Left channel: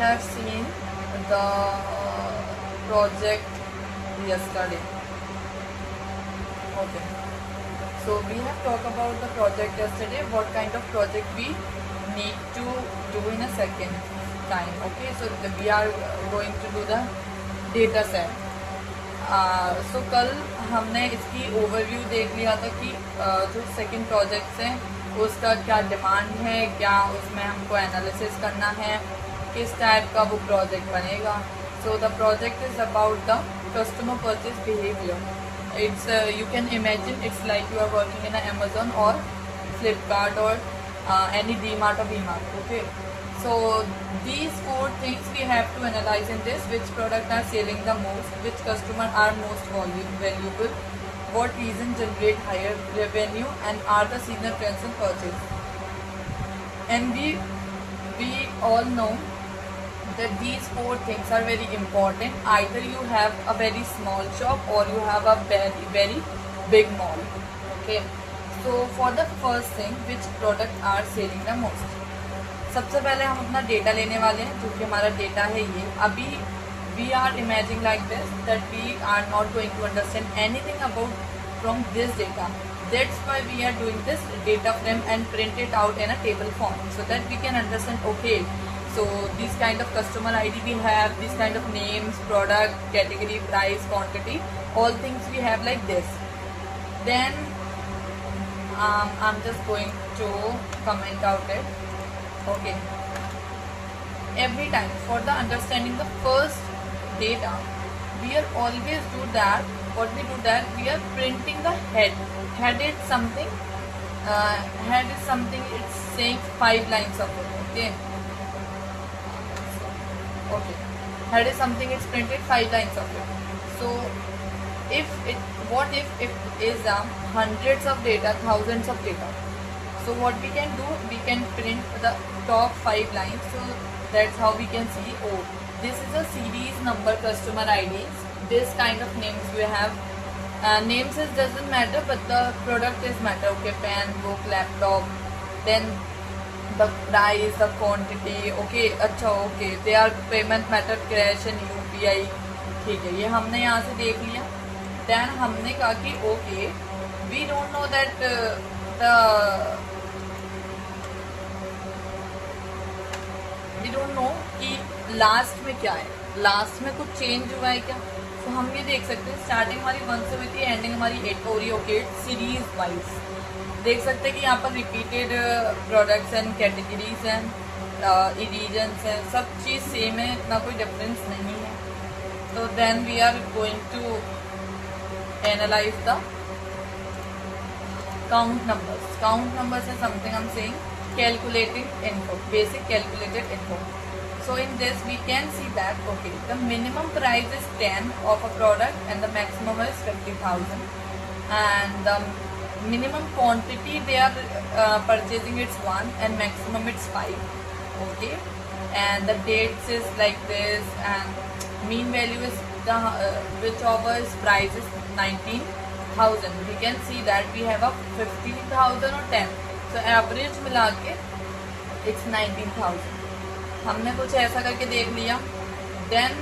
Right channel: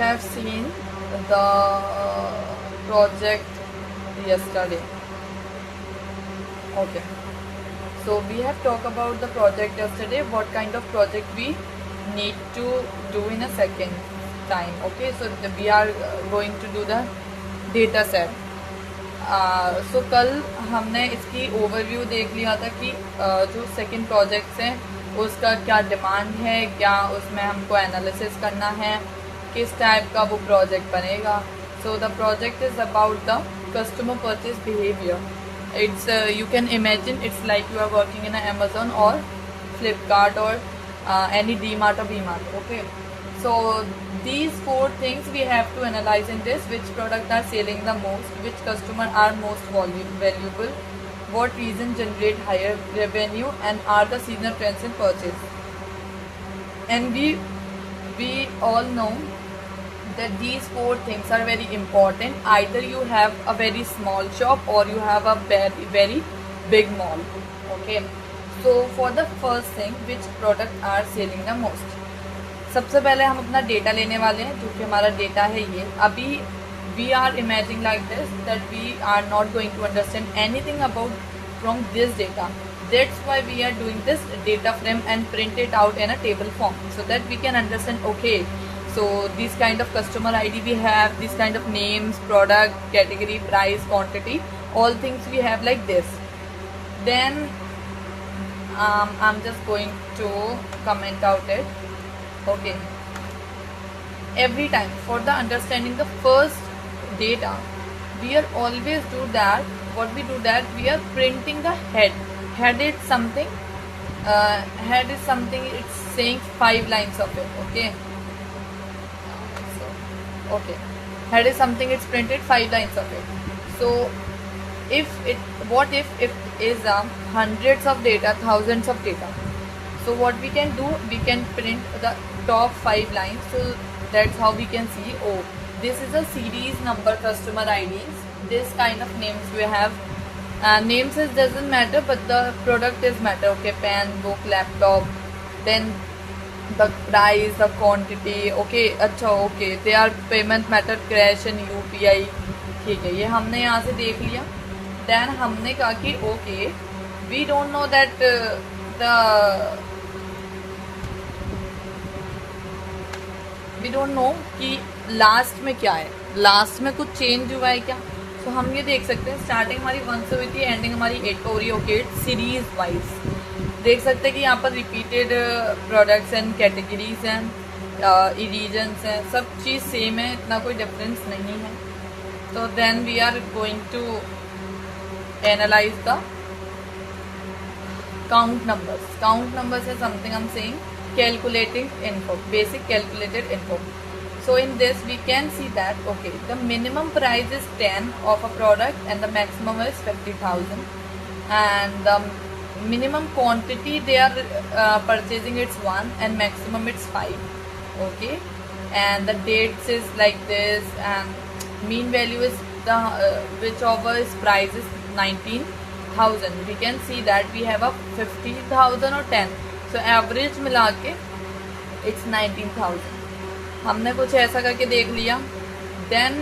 have seen the project yesterday. Okay, so we have talked about the project yesterday, what kind of project we need to do in a second time. Okay, so we are going to do the data set. सो कल हमने इसकी ओवरव्यू देख लिया था कि जो second projects हैं उसका क्या डिमांड है, क्या उसमें हमको एनालिसिस करना है, किस टाइप का वो प्रोजेक्ट बनेगा. So the project is about the customer purchase behaviour. It's you can imagine it's like you are working in Amazon और Flipkart or any DMart or VMart. Okay, so these 4 things we have to analyze in this: which product are selling the most, which customer are most valuable, what reason generate higher revenue, and are the seasonal trends in purchase. And we all know that these 4 things are very important. Either you have a very small shop or you have a very big mall. Okay, so for the first thing, which product are selling the most. सबसे पहले हम अपना डेटा लेने वाले हैं, जो कि हमारा डेटा है ये. अभी we are imaging like this that we are not going to understand anything about from this data. That's why we are doing this data frame and print it out in a table form so that we can understand. Okay, so this kind of customer ID we have, this kind of names, product, category, price, quantity, all things we have like this. Then I'm just going to comment out it. Okay, every time for the understanding the first data, we are always do that. What we do that, we are printing the head. Head is something, it's saying 5 lines of it. Okay, okay, head is something, it's printed 5 lines of it. So what if it is hundreds of data, thousands of data. So what we can do, we can print the top 5 lines. So that's how we can see, oh, this is a series number customer IDs, this kind of names we have. Names is doesn't matter, but the product is matter. Okay, pen, book, laptop. Then the price, the quantity. Okay, अच्छा, okay, they are payment method, cash and UPI. ठीक है, ये हमने यहाँ से देख लिया. Then हमने कहा कि okay, we don't know that we don't know कि लास्ट में क्या है, लास्ट में कुछ चेंज हुआ है क्या. तो हम ये देख सकते हैं, स्टार्टिंग हमारी 1 से हुई थी, एंडिंग हमारी 8 पर हो रही है. ओके, सीरीज वाइज देख सकते हैं कि यहाँ पर रिपीटेड प्रोडक्ट्स एंड कैटेगरीज हैं, रीजन्स हैं, सब चीज़ सेम है, ना कोई डिफरेंस नहीं है. तो then we are going to analyse the count numbers. Count numbers is something I'm saying calculating info, basic calculated info. So in this we can see that, okay, the minimum price is 10 of a product and the maximum is 50,000, and the minimum quantity they are purchasing it's 1 and maximum it's 5. Okay, and the dates is like this, and mean value is the whichever is price is 19,000. We can see that we have a 50,000 or 10. So average मिला के it's 19,000. हमने कुछ ऐसा करके देख लिया. Then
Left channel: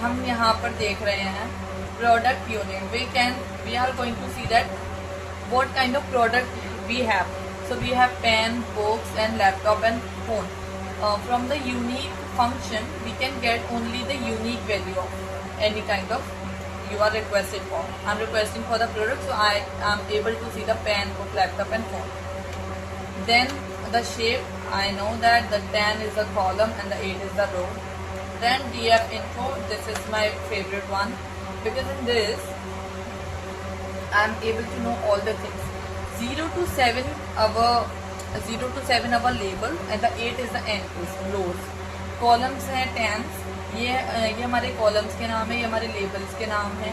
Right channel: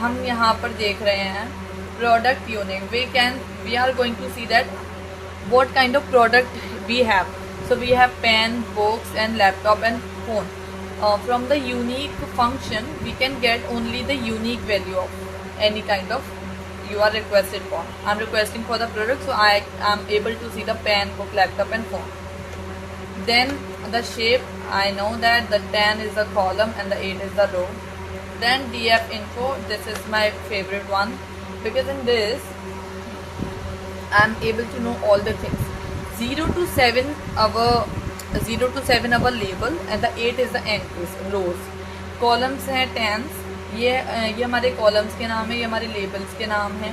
हम यहाँ पर देख रहे हैं product unit. We are going to see that what kind of product we have. So we have pen, books, and laptop and phone. From the unique function, we can get only the unique value of any kind of you are requested for. I'm requesting for the product, so I am able to see the pen, book, laptop and phone. Then the shape, I know that the 10 is the column and the 8 is the row. Then DF info, this is my favorite one, because in this I am able to know all the things. 0 to 7 our label, and the 8 is the entries, rows. Columns है 10s, ये हमारे कॉलम्स के नाम है, ये हमारे लेबल्स के नाम है.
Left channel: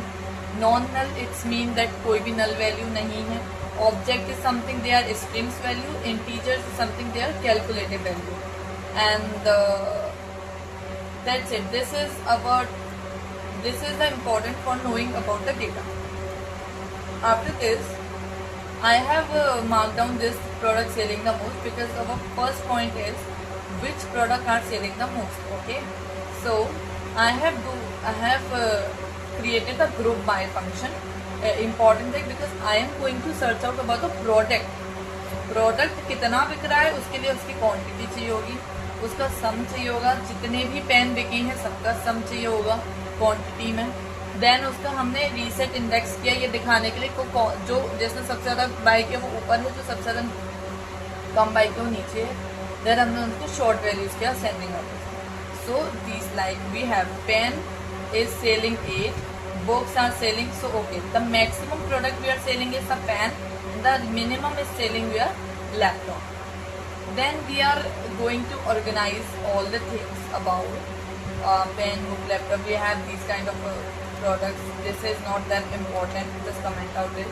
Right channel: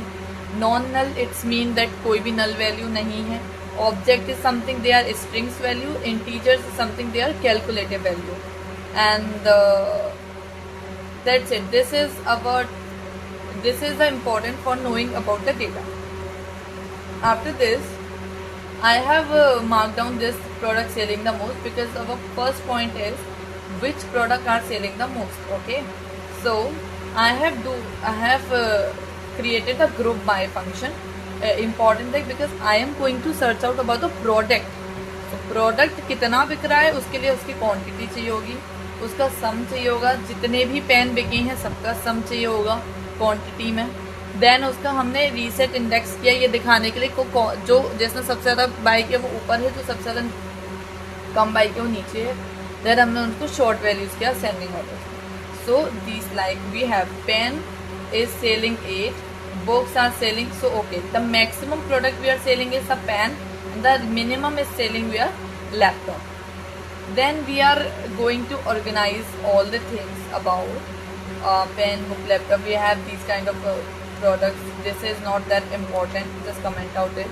Non null, it's mean that कोई भी नल वैल्यू नहीं है. Object is something they are strings value. Integers is something they are calculative value. And that's it. this is the important for knowing about the data. After this, I have marked down this product selling the most, because our first point is which product are selling the most. Okay, so I have created a group by function. Important thing, because I am going to search out about the product. Product कितना बिक रहा है उसके लिए उसकी क्वांटिटी चाहिए होगी, उसका सम चाहिए होगा, जितने भी पेन बिके हैं सबका सम चाहिए होगा क्वांटिटी में. देन उसका हमने रीसेट इंडेक्स किया ये दिखाने के लिए जो जिसने सबसे ज्यादा बाय किया वो ऊपर है, जो सबसे ज्यादा कम बाय किया वो नीचे है. देन हमने उनको शॉर्ट वैल्यूज किया sending order. So this like we have pen is selling 8, books are selling, so okay, the maximum product we are selling is a pen, and the minimum is selling we are laptop. Then we are going to organize all the things about pen, book, laptop. We have these kind of products. This is not that important, just comment out it.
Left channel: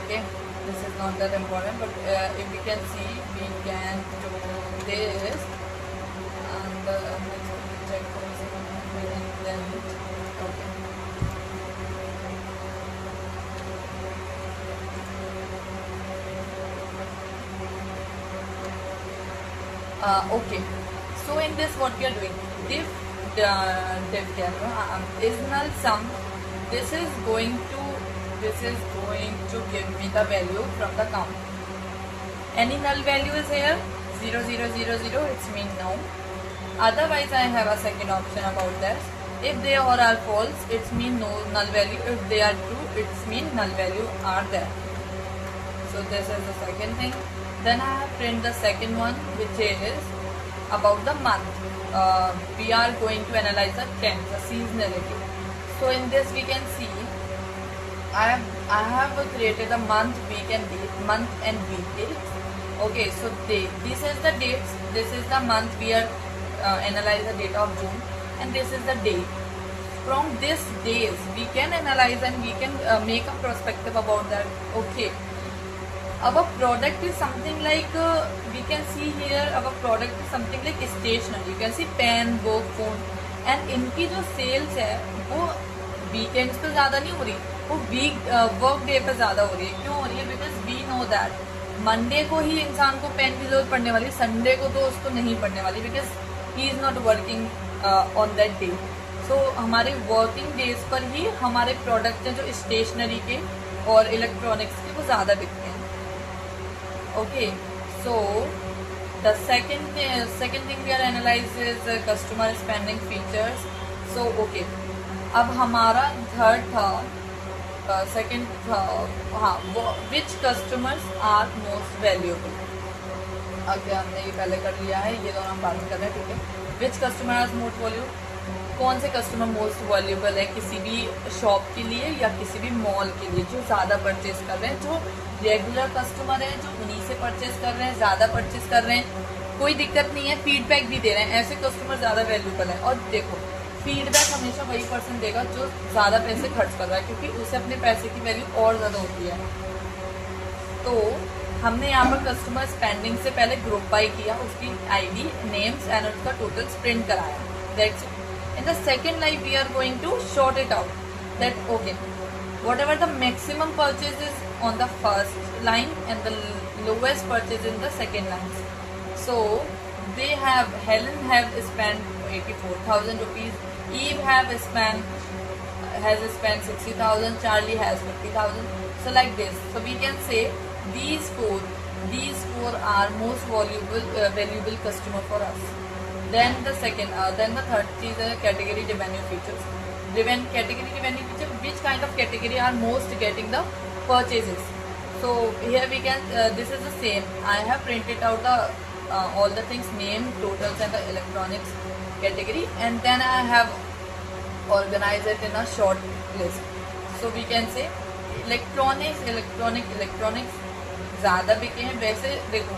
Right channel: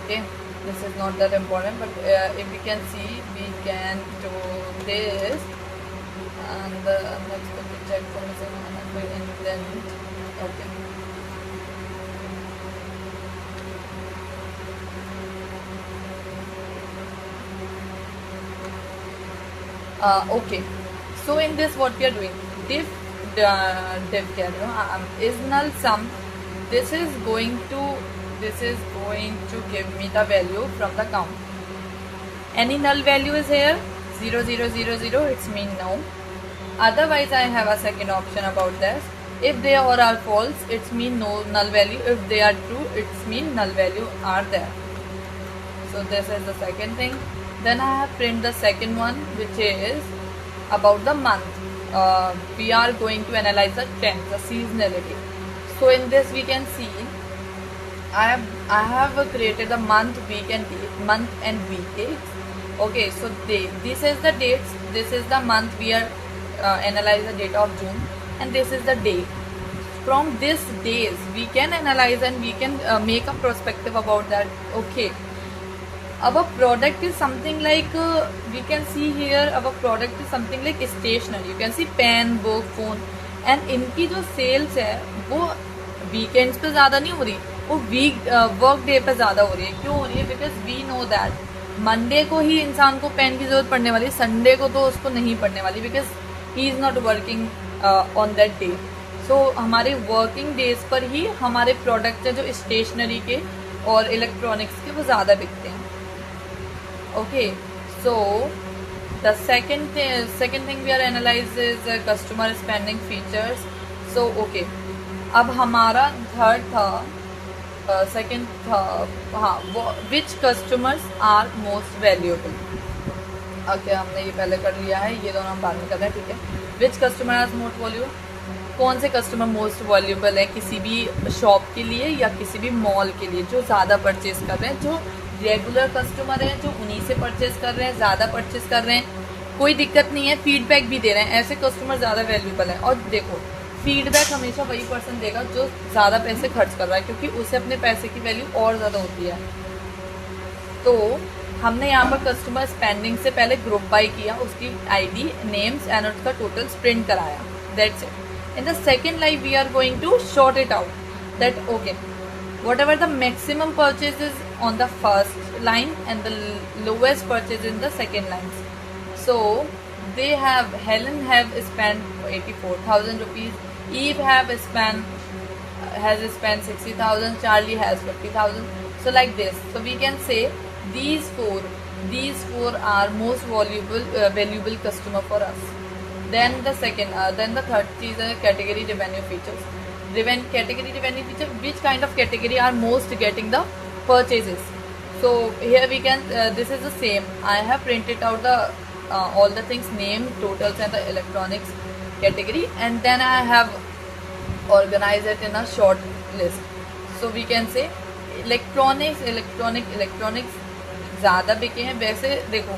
Okay, this is not that important, but if we can see, we can do this, and let's quickly check for a second. Then okay. Okay, so in this what we are doing, div is null sum. This is going to give me the value from the count. Any null value is here, 0 0 0 0, it's mean no. Otherwise I have a second option about this. If they all are false, it's mean no null value. If they are true, it's mean null value are there. So this is the second thing. Then I have print the second one, which is about the month. We are going to analyze the trend, the seasonality. So in this we can see, I have created the month, week and date, month and week dates. Okay, so this is the dates, this is the month. We are analyze the date of June, and this is the day. From this days we can analyze and we can make a perspective about that. Okay, our product is something like we can see here, our product is something like stationery. You can see pen, book, phone, and इनकी जो sales है वो weekends पे ज़्यादा नहीं हो रही, वो work day पे ज़्यादा हो रही है. क्यों हो रही है? Because we know that Monday को ही इंसान को पेन की जरूरत पड़ने वाली, संडे को तो उसको नहीं पड़ने वाली, because he is not working on that day. So हमारे वर्किंग डेज पर ही हमारे प्रोडक्ट है जो स्टेशनरी के और इलेक्ट्रॉनिक्स के वो ज़्यादा बिकते हैं. Okay, so the second thing we are analyse is customer spending features. So okay, अब हमारा थर्ड था सेकेंड था, हाँ, which customers are most valuable. Okay, हमने ये पहले कर लिया है, ये दोनों हम बाद में कर रहे हैं. ठीक है, विच कस्टमर आर मोस्ट वैल्यूएबल, कौन से कस्टमर मोस्ट वैल्यूएबल है किसी भी शॉप के लिए या किसी भी मॉल के लिए, जो ज़्यादा परचेज कर रहे हैं, जो रेगुलर कस्टमर है, जो उन्हीं से परचेज कर रहे हैं, ज़्यादा परचेज कर रहे हैं, कोई दिक्कत नहीं है, फीडबैक भी दे रहे हैं, ऐसे कस्टमर ज़्यादा वैल्यूएबल है. और देखो, फीडबैक हमेशा वही पर्सन देगा जो ज़्यादा पैसे खर्च कर रहा है, क्योंकि उसे अपने पैसे की वैल्यू और ज़्यादा होती है. तो हमने यहाँ पर कस्टमर स्पेंडिंग से पहले ग्रुप बाय किया, उसकी आईडी, नेम्स एंड उसका टोटल प्रिंट कराया. That's it. In the second line we are going to sort it out that okay, whatever the maximum purchases on the first line and the lowest purchase in the second line. So they have, Helen have spent 84,000 rupees, Eve has spent 60,000, Charlie has 50,000. So like this. So we can say these four are most valuable customer for us. Then the third is a category revenue features. Category revenue feature, which kind of category are most getting the purchases. So here we can this is the same. I have printed out the all the things, name, totals and the electronics category, and then I have organized it in a short list. So we can say electronics ज़्यादा बिके हैं. वैसे देखो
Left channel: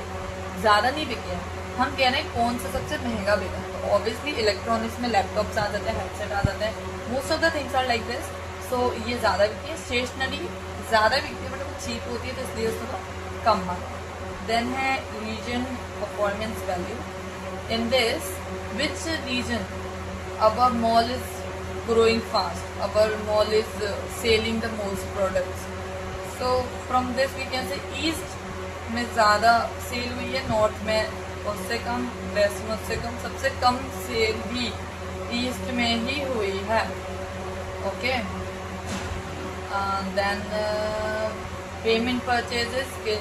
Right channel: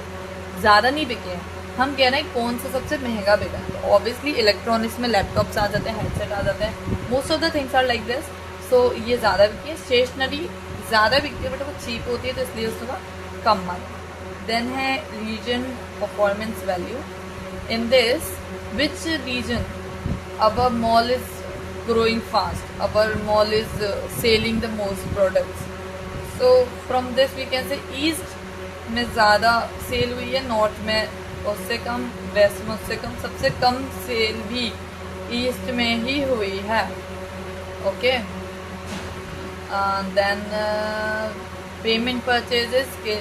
ज़्यादा नहीं बिके हैं, हम कह रहे हैं कौन सा सबसे महंगा बिका है. तो ऑब्वियसली इलेक्ट्रॉनिक्स में लैपटॉप्स आ जाते हैं, हेडसेट आ जाते हैं, most of the things are like this. So ये ज़्यादा बिकी है. स्टेशनरी ज़्यादा बिकती है बट वो चीप होती है, तो इसलिए उसका कम मांग. देन है region performance value. In this which region our mall is growing fast, our mall is selling the most products. So from this we can say east में ज़्यादा सेल हुई है, नॉर्थ में उससे कम, वेस्ट में उससे कम, सबसे कम सेल भी ईस्ट में ही हुई है। ओके, देन पेमेंट परचेजेस के,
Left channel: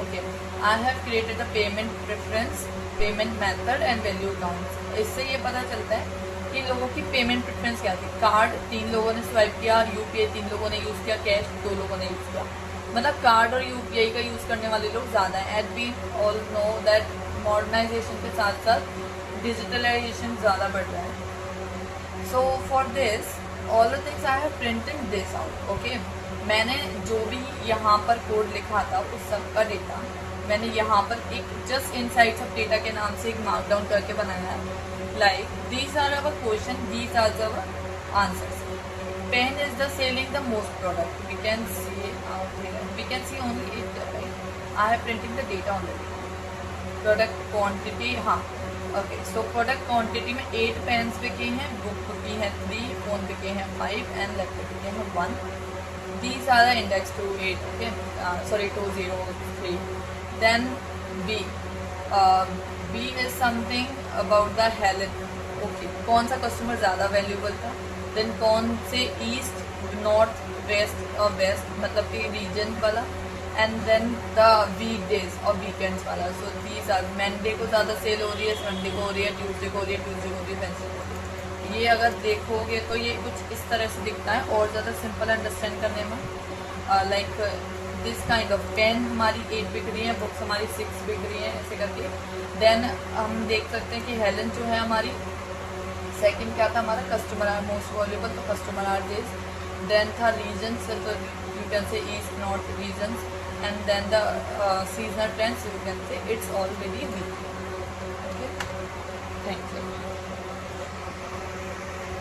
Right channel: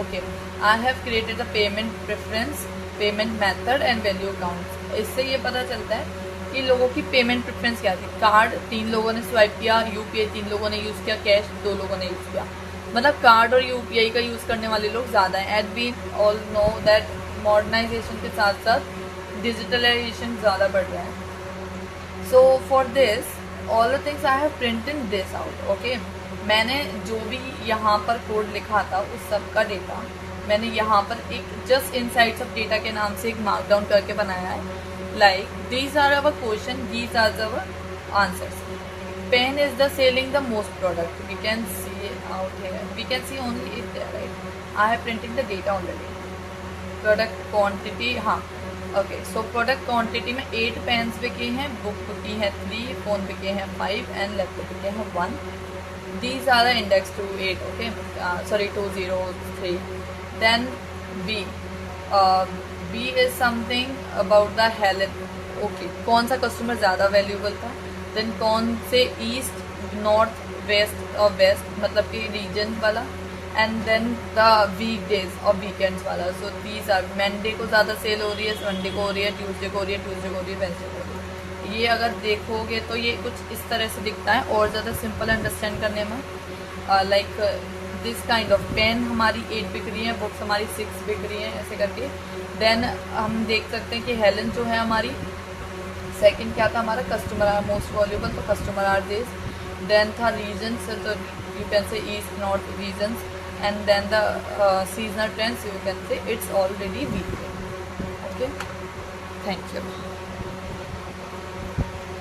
okay, I have created the payment preference, payment method and value account. इससे ये पता चलता है कि लोगों की पेमेंट प्रेफरेंस क्या थी। कार्ड 3 लोगों ने स्वाइप किया, यूपीआई 3 लोगों ने यूज किया, कैश 2 लोगों ने यूज किया। मतलब कार्ड और यूपीआई का यूज करने वाले लोग ज्यादा हैं। At we all know that modernisation के साथ साथ डिजिटलाइजेशन ज्यादा बढ़ रहा है। So for this all the things I have printed this out. Okay, मैंने जो भी यहाँ पर कोड लिखा था उस सब का डेटा मैंने यहाँ पर एक जस्ट इनसाइट्स ऑफ डेटा के नाम से एक मार्कडाउन करके बनाया है। Like these are our question, these are our answers. Pen is the selling the most product. We can see out here. We can see only it, right? I have printing the data already. Product quantity, हाँ, okay. So product quantity में 8 pens बिके हैं, book बिकी है 3, phone बिके हैं 5 and laptop बिके हैं 1. These are the index to 8. Okay, sorry 203. Then B. B is something about the health. Okay, कौन सा कस्टमर ज़्यादा वैल्यूबल था, देन कौन से ईस्ट, नॉर्थ, वेस्ट और वेस्ट मतलब कि रीजन वाला, एंड देन द वीकडेज और वीकेंड्स वाला। सो दीज आर, मंडे को ज़्यादा सेल हो रही है, संडे को हो रही है, ट्यूसडे को हो रही है, ट्यूसडे को हो रही है, वेंसडे को हो रही है। ये अगर देखोगे तो ये कुछ इस तरह से दिखता है और ज़्यादा सिंपल अंडरस्टैंड करने में। Like this kind of pen हमारी 8 बिक रही है, बुक्स हमारी 6 बिक रही है, ऐसे करके। देन हम देख सकते हैं कि हेलन जो है हमारी सेकंड क्या था हमारा, कस्टमर आर मोस्ट वॉल्यूबल, तो कस्टमर आर दिस। देन था रीजन, तो you can say east north regions, and then the seasonal trends, you can say it's already weak. Okay, thank you.